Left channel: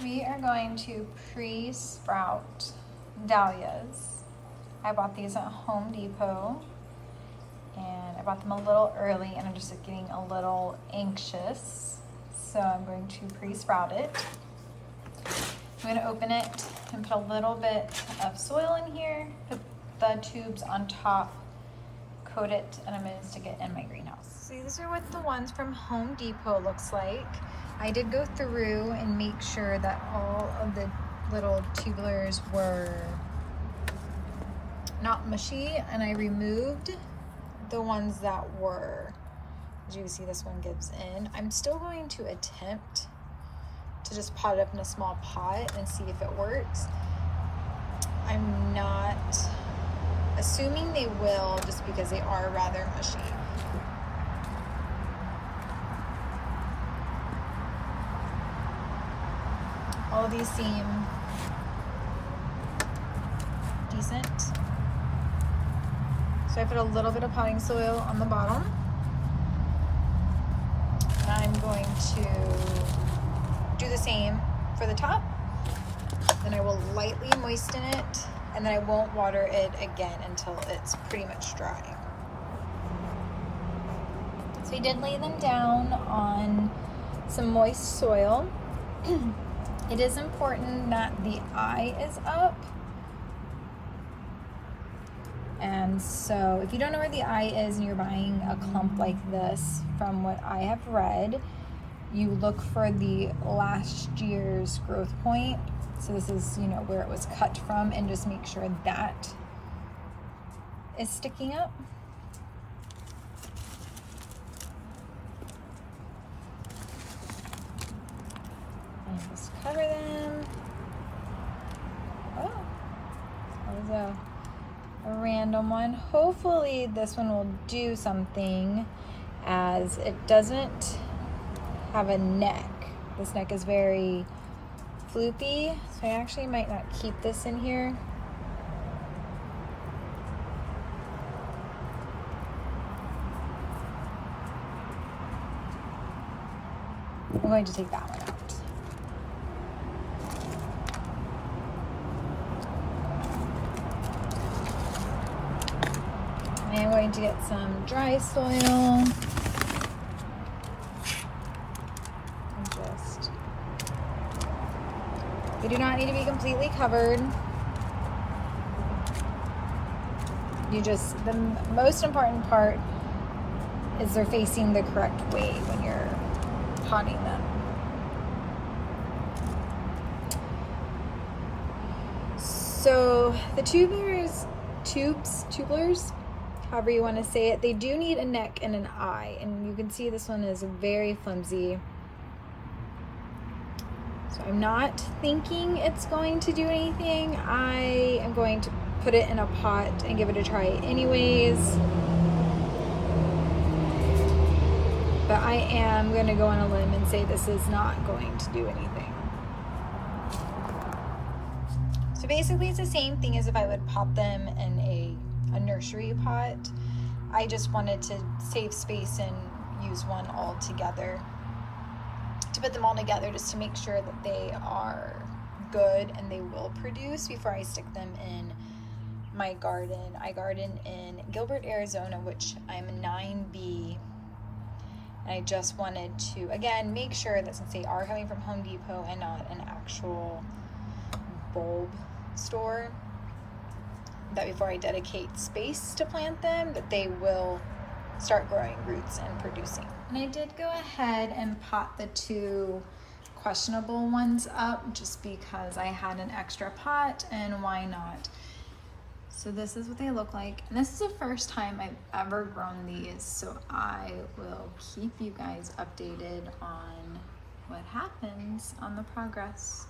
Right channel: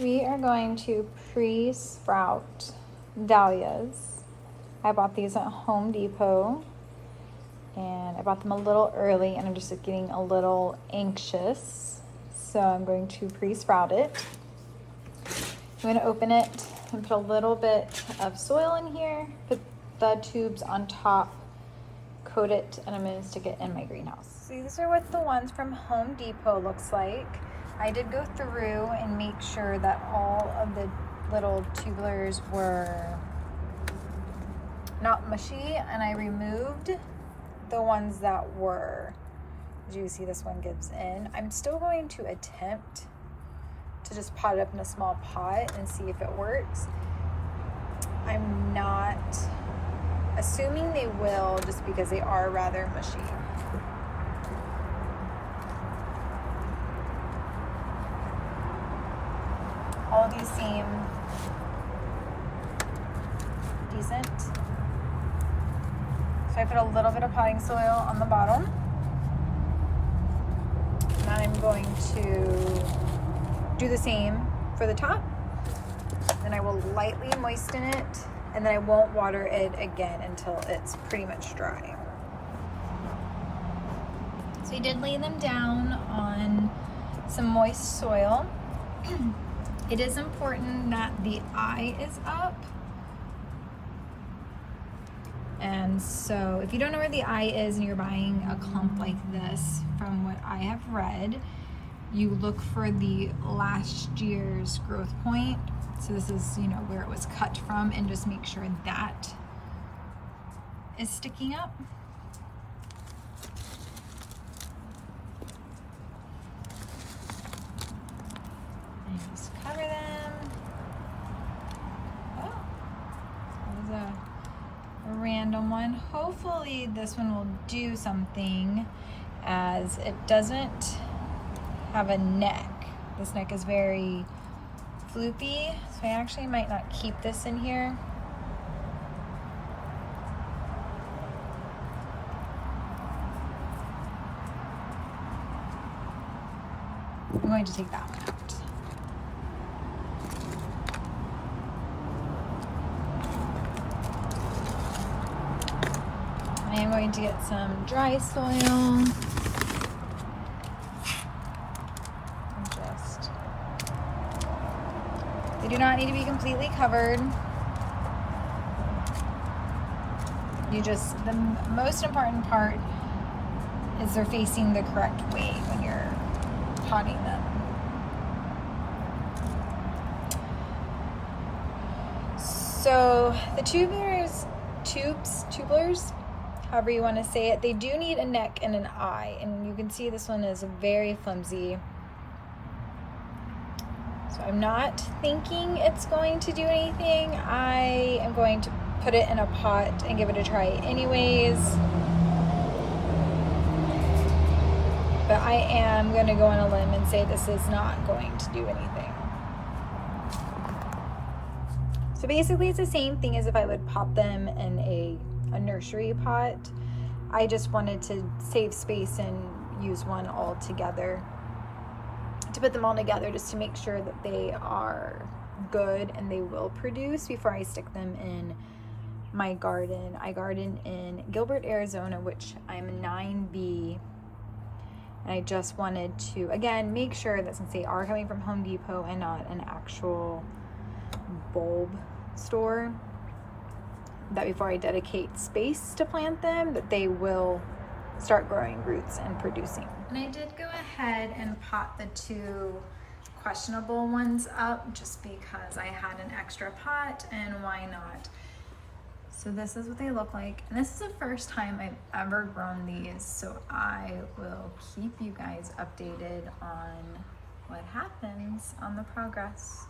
We are going to pre-sprout dahlias. I bought these at Home Depot and I bought them a little early and I'm just getting a little anxious. So I'm going to pre-sprout it. I'm going to open it and put a little bit of soil in here, put the tubes on top, coat it, and I'm going to stick it in my greenhouse. So these are what the ones from Home Depot looks like. I did go through and make sure that all of the little tubulars were not mushy, and I removed the ones that were. As you can see, this one gives in. I'm still going to attempt to just pot it up in a small pot and see if it works. I'm not assuming they will, just because they are rather mushy. All of these seem decent. So I put a little bit of potting soil on the bottom. And I'm going to do the same for the top. Then I will lightly moisten it, and then I won't water it again until it's pretty much dry. So I did lay them down on some moist soil. It is important that the eye is up. And so if you don't know where the eye is and you're buying a clump like this, from what I have read, you look for the last year's growth point. So this is, you know, where it was cut from, and just make sure that is sticking up. And just cover them. Oh, that was a random one. Hopefully this one will do something, as it doesn't have a neck. This neck is very floopy, so I actually might not keep this in here. I'm going to take that one out. I am going to get some dry soil. They do not need to be completely covered. The most important part is they're facing the correct way when you're potting them. So the tubulars, however you want to say it, they do need a neck and an eye, and you can see this one is very flimsy. So I'm not thinking it's going to do anything. I am going to put it in a pot and give it a try anyways. But I am going to go on a limb and say this is not going to do anything. So basically it's the same thing as if I would pot them in a nursery pot. I just wanted to save space and use one all together, to put them all together, just to make sure that they are good and they will produce before I stick them in my garden. I garden in Gilbert, Arizona, which I'm 9B. And I just wanted to, again, make sure that since they are coming from Home Depot and not an actual bulb store, that before I dedicate space to plant them, that they will start growing roots and producing. And I did go ahead and pot the two questionable ones up just because I had an extra pot, and why not? So this is what they look like. And this is the first time I've ever grown these, so I will keep you guys updated on what happens on the progress.